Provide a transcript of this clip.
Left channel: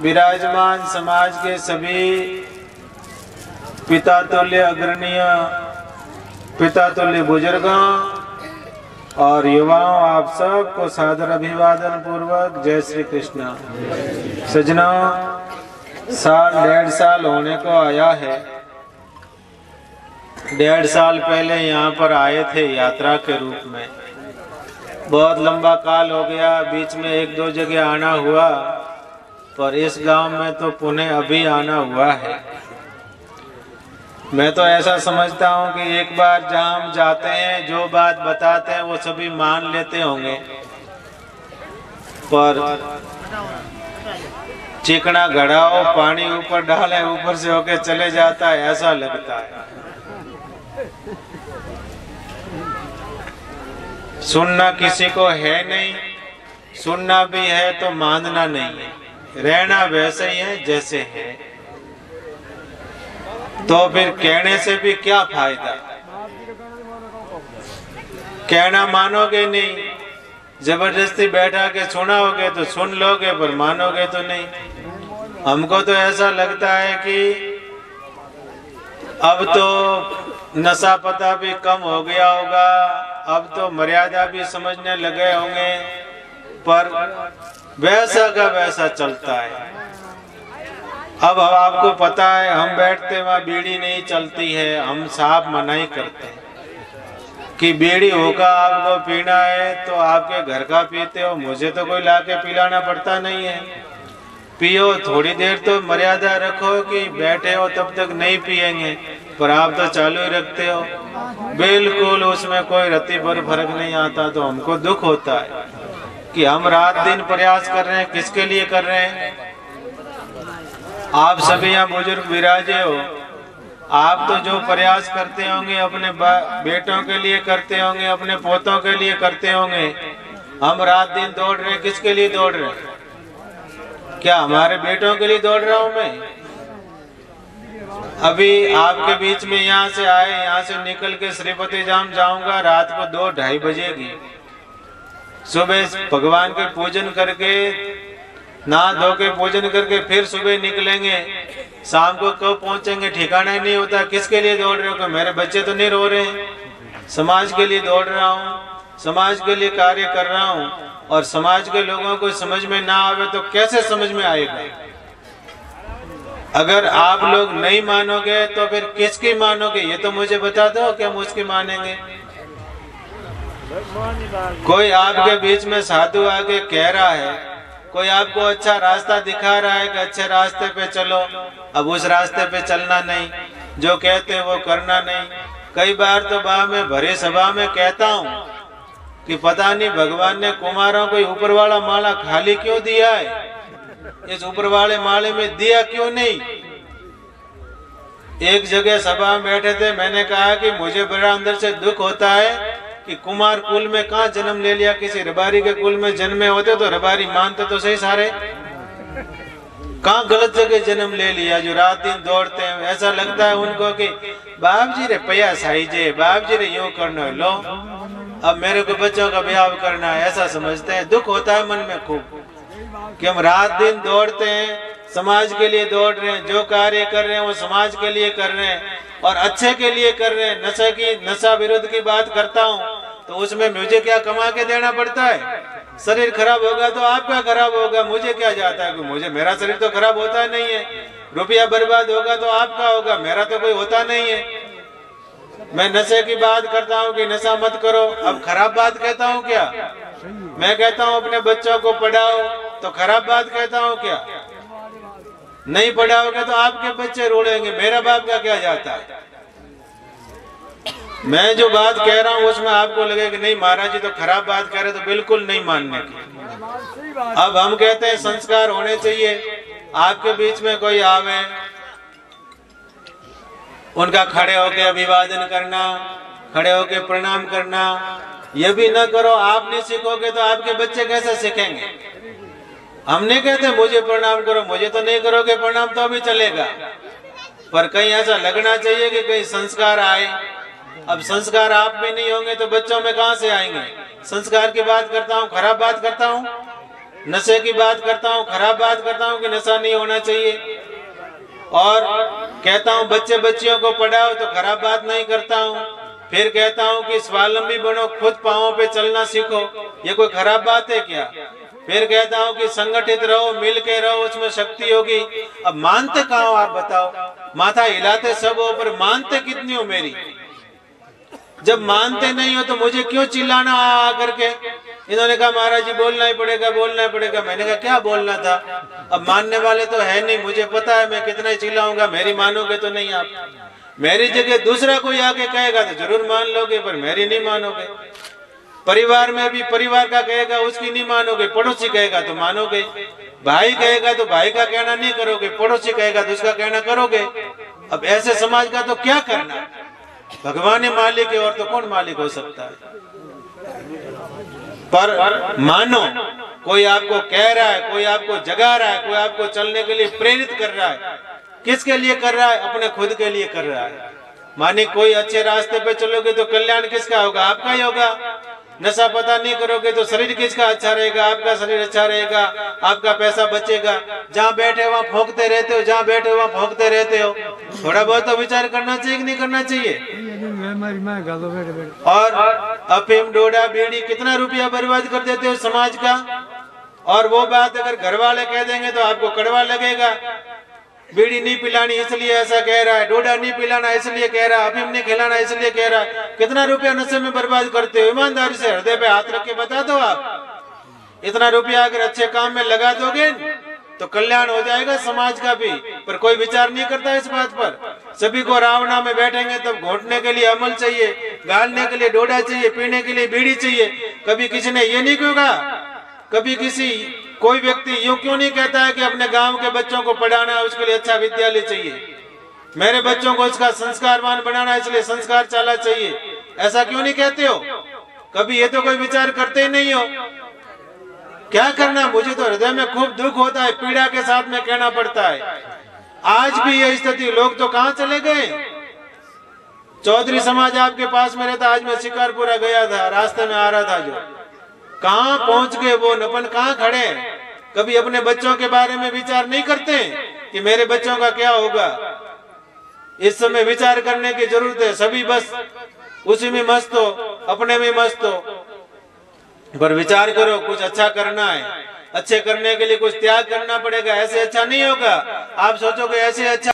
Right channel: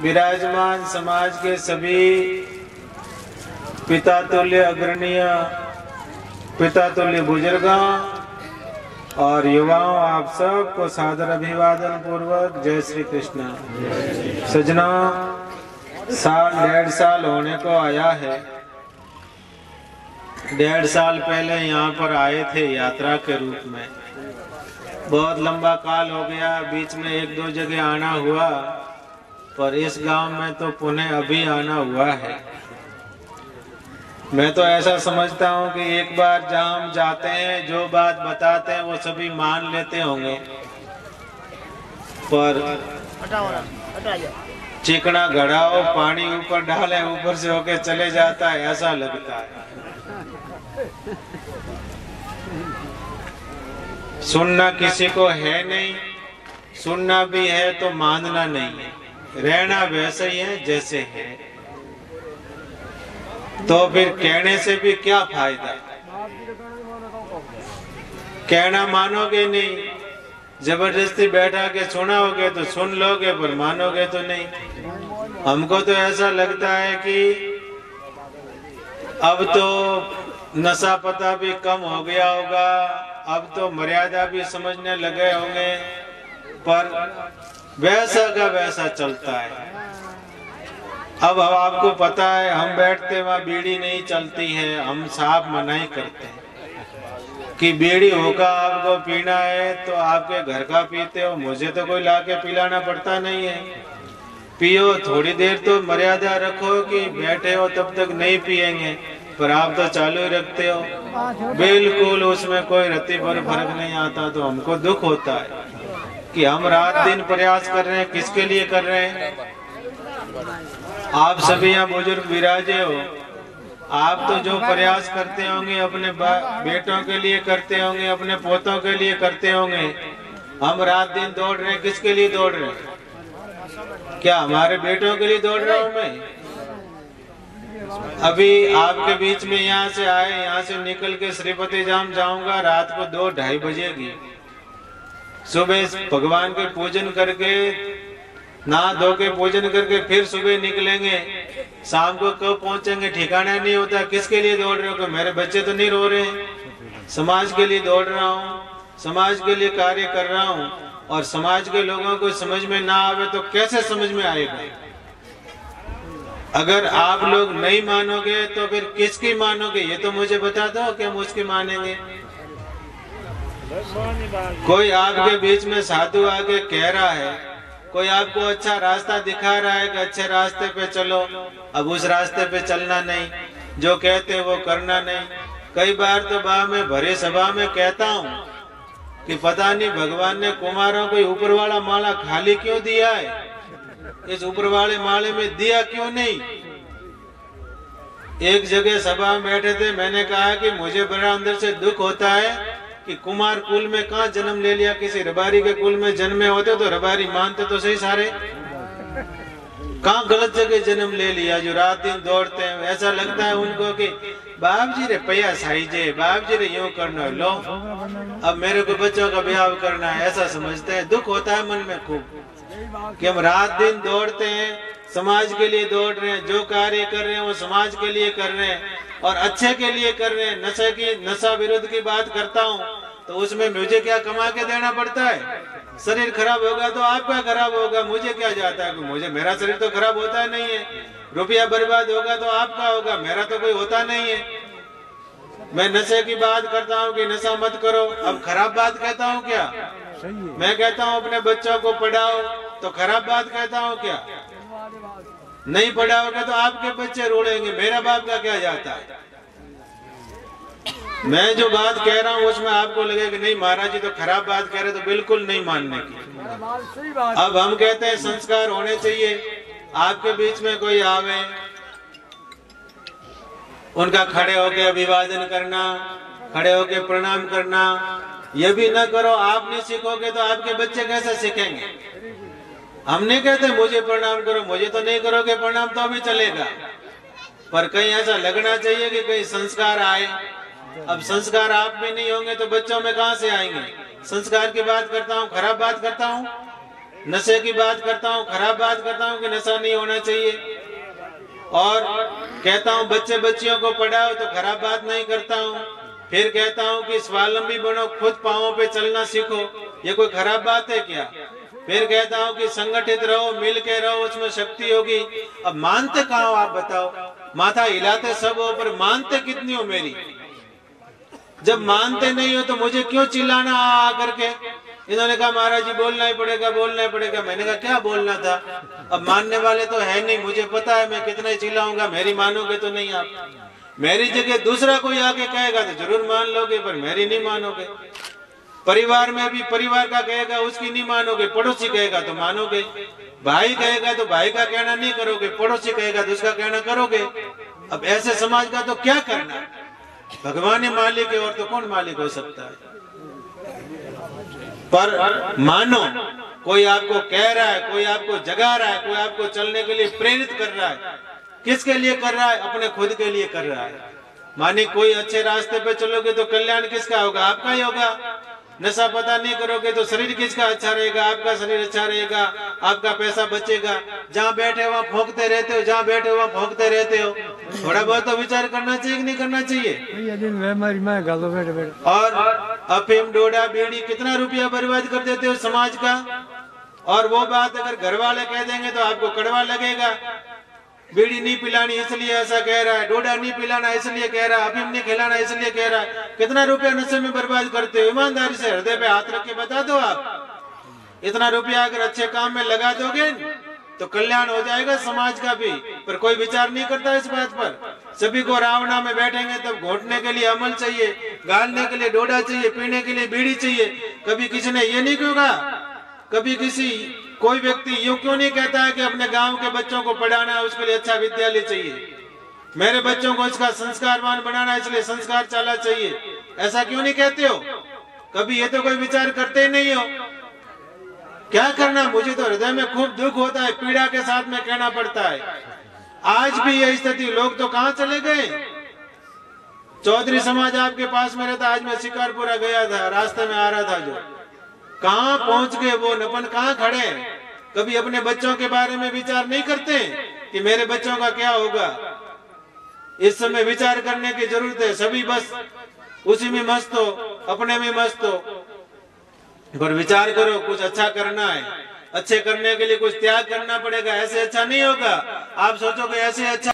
विराजमान समाज के सभी पिता तुल्य अग्रणीय, पिता तुल्य बुजुर्गों और युवाओं, आप सबको सादर अभिवादन पूर्वक जय श्री कृष्ण। सज्जनों, साल 1.5 साल होने को आया है। 1.5 साल पहले यहाँ पर आए थे यात्रा के रूप में। बहुत लंबा काल हो गया, बीच में 1-2 जगह आना हुआ, पर इस गांव में तो पुनः अभी आना हुआ है। मैं तो ऐसा समझता हूँ कि एक बार जहाँ हम जाते हैं, जो बात बताते हैं वो सभी मान लेते होंगे, पर चिकना घड़ा हो, पानी ऊपर डाले, ऊपर से होके चले जाता है, ऐसा लगता है। सुनना किसी को है नहीं, सुनना भी है तो मानना नहीं है, रहना वैसे ही है जैसे है। तो फिर कहने से भी क्या फायदा? कहना मानोगे नहीं, जबरदस्ती बैठा के सुनाओगे तो सुन लोगे, पर मानोगे तो नहीं। हमको तो ऐसा लगता है कि अब तो नशा पता भी कम हो गया होगा, अब तो मर्यादा भी समझने लगे होंगे, पर वैसा का वैसा चलता है। अब आपको पता है, हम बैठते वहाँ बीड़ी नहीं चलती है, हम साफ मनाही करते हैं कि बीड़ी होगा आपको पीना है तो आपके घर का पीते हो, मुझे तो कोई लाके पिलाना पड़ता नहीं है। पियो, थोड़ी देर तो मर्यादा रखो कि बैठे हो तब तक नहीं पिएंगे, पर आप तो चालू ही रखते हो। बिल्कुल उसमें कोई रत्ती भर फर्क नहीं आता। तो हमको दुख होता है कि हम रात दिन प्रयास कर रहे हैं, किसके लिए कर रहे हैं? आप सभी यहाँ बुजुर्ग विराजे हो, आप तो जो प्रयास करते होंगे अपने बेटों के लिए करते होंगे, अपने पोतों के लिए करते होंगे। हम रात दिन दौड़ रहे हैं, किसके लिए दौड़ रहे हैं? क्या हमारे बेटों के लिए दौड़ रहा हूँ मैं? अभी आपके बीच में यहाँ से आए, यहाँ से निकल के श्रीपति धाम जाऊंगा, रात को 2-2:30 बजेगी। सुबह भगवान के पूजन करके, नहा धो के पूजन करके फिर सुबह निकलेंगे, शाम को कब पहुंचेंगे ठिकाना ही नहीं होता। किसके लिए दौड़ रहे हो? कि मेरे बच्चे तो नहीं रो रहे। समाज के लिए दौड़ रहा हूँ, समाज के लिए कार्य कर रहा हूँ, और समाज के लोगों को समझ में ना आवे तो कैसे समझ में आएगा? अगर आप लोग नहीं मानोगे तो फिर किसकी मानोगे? ये तो मुझे बता दो कि हम उसकी मानेंगे। कोई आपके बीच में साधु आके कह रहा है, कोई आपको अच्छा रास्ता दिखा रहा है कि अच्छे रास्ते पे चलो, अब उस रास्ते पे चलना नहीं, जो कहते वो करना नहीं। कई बार तो मैं भरी सभा में कहता हूँ कि पता नहीं भगवान ने कुमारों को ऊपर वाला माला खाली क्यों दिया है, इस ऊपर वाले माले में दिया क्यों नहीं? एक जगह सभा में बैठे थे, मैंने कहा कि मुझे बड़ा अंदर से दुख होता है कि कुमार कुल में कहाँ जन्म ले लिया, किसी रबारी के कुल में जन्मे होते तो रबारी मानते तो सही सारे, कहाँ गलत जगह जन्म ले लिया जो रात दिन दौड़ते हैं। ऐसा लगता है उनको कि बाप जी रे पैया साई जे, बाप जी रे यूँ करना लो, अब मेरे को बच्चों का ब्याह करना है, ऐसा समझते हैं। दुख होता है मन में खूब कि हम रात दिन दौड़ते हैं, समाज के लिए दौड़ रहे हैं, जो कार्य कर रहे हैं वो समाज के लिए कर रहे हैं और अच्छे के लिए कर रहे हैं। नशा विरोध की बात करता हूँ तो उसमें मुझे क्या कमा के देना पड़ता है? शरीर खराब होगा तो आपका खराब होगा, मुझे क्या जाता है? मुझे, मेरा शरीर तो खराब होता नहीं है। रुपया बर्बाद होगा तो आपका होगा, मेरा तो कोई होता नहीं है। मैं नशे की बात करता हूँ कि नशा मत करो, अब खराब बात कहता हूँ क्या? मैं कहता हूँ अपने बच्चों को पढ़ाओ, तो खराब बात कहता हूँ क्या? नहीं पढ़ाओगे तो आपके बच्चे रोड़ेंगे, मेरा बाप का क्या जाता है? मैं जो बात कह रहा हूँ उसमें आपको लगे कि नहीं महाराज जी तो खराब बात कह रहे, तो बिल्कुल नहीं मानने की। अब हम कहते हैं संस्कार होने चाहिए। आपके बीच में कोई आवे, उनका खड़े होके अभिवादन करना, खड़े होके प्रणाम करना, ये भी न करो, आप नहीं सीखोगे तो आपके बच्चे कैसे सीखेंगे? हम नहीं कहते मुझे प्रणाम करो, मुझे तो नहीं करोगे प्रणाम तो अभी चलेगा, पर कहीं ऐसा लगना चाहिए कि कहीं संस्कार आए। अब संस्कार आप में नहीं होंगे तो बच्चों में कहाँ से आएंगे? संस्कार की बात करता हूँ, खराब बात करता हूँ? नशे की बात करता हूँ, खराब बात करता हूँ कि नशा नहीं होना चाहिए, और कहता हूँ बच्चे बच्चियों को पढ़ाओ तो खराब बात नहीं करता हूँ। फिर कहता हूँ कि स्वावलंबी बनो, खुद पांवों पे चलना सीखो, ये कोई खराब बात है क्या? फिर कहता हूँ कि संगठित रहो, मिल के रहो, उसमें शक्ति होगी। अब मानते कहाँ हो आप बताओ? माथा हिलाते सब हो, पर मानते कितनी हो मेरी? जब मानते नहीं हो तो मुझे क्यों चिल्लाना आ करके? इन्होंने कहा महाराज जी बोलना ही पड़ेगा, बोलना ही पड़ेगा। मैंने कहा क्या बोलना था? अब मानने वाले तो है नहीं, मुझे पता है मैं कितना ही चिल्लाऊंगा, मेरी मानोगे तो नहीं आप। मेरी जगह दूसरा कोई आके कहेगा तो जरूर मान लोगे, पर मेरी नहीं मानोगे। परिवार में भी परिवार का कहेगा उसकी नहीं मानोगे, पड़ोसी कहेगा तो मानोगे। भाई कहेगा तो भाई का कहना नहीं करोगे, पड़ोसी कहेगा तो उसका कहना करोगे। अब ऐसे समाज का तो क्या करना? भगवान ही मालिक है और तो कौन मालिक हो सकता है? पर मानो, कोई आपको कह रहा है, कोई आपको जगा रहा है, कोई आपको चलने के लिए प्रेरित कर रहा है। किसके लिए कर रहा है? अपने खुद के लिए कर रहा है। माने कोई अच्छे रास्ते पे चलोगे तो कल्याण किसका होगा? आपका ही होगा। नशा पता नहीं करोगे तो शरीर किसका अच्छा रहेगा? आपका शरीर अच्छा रहेगा, आपका पैसा बचेगा। जहाँ बैठे वहाँ भोंकते रहते हो, जहाँ बैठे वहाँ भोंकते रहते हो। थोड़ा बहुत तो विचार करना चाहिए कि नहीं करना चाहिए? और अफीम, डोडा, बीड़ी कितना रुपया बर्बाद कर देते हो समाज का। और वो बात अगर घर वाले कह देंगे तो आपको कड़वा लगेगा। बीड़ी नहीं पिलानी इसलिए ऐसा कह रहा है, डोडा नहीं पिलाना इसलिए कह रहा है, अफीम नहीं खिलाना इसलिए कह रहा है। कितना रुपया नशे में बर्बाद करते हो? ईमानदारी से हृदय पे हाथ रख के बता दो आप। इतना रुपया अगर अच्छे काम में लगा दोगे तो कल्याण हो जाएगा समाज का भी। पर कोई विचार नहीं करता इस बात पर। सभी को रावणा में बैठेंगे तब घोटने के लिए अमल चाहिए, गालने के लिए डोडा चाहिए, पीने के लिए बीड़ी चाहिए। कभी किसी ने ये नहीं कहा, कभी कोई व्यक्ति यूं क्यों नहीं कहता है कि अपने गांव के बच्चों को पढ़ाना है, उसके लिए अच्छा विद्यालय चाहिए, मेरे बच्चों को उसका संस्कारवान बनाना है इसलिए संस्कार चाला चाहिए। ऐसा क्यों नहीं कहते हो? कभी ये तो कोई विचार करते ही नहीं हो। क्या करना? मुझे तो हृदय में खूब दुख होता है, पीड़ा के साथ में कहना पड़ता है। आज भी यह स्थिति, लोग तो कहाँ चले गए? चौधरी समाज आपके पास में रहता। आज मैं शिकारपुरा गया था, रास्ते में आ रहा था, जो कहाँ पहुंच गए वो? नपन कहाँ खड़े? कभी अपने बच्चों के बारे में विचार नहीं करते कि मेरे बच्चों का क्या होगा। इस समय विचार करने की जरूरत है। सभी बस उसी में मस्त हो, अपने में मस्त हो। पर विचार करो, कुछ अच्छा करना है, अच्छे करने के लिए कुछ त्याग करना पड़ेगा। ऐसे अच्छा नहीं होगा। आप सोचोगे ऐसे अच्छा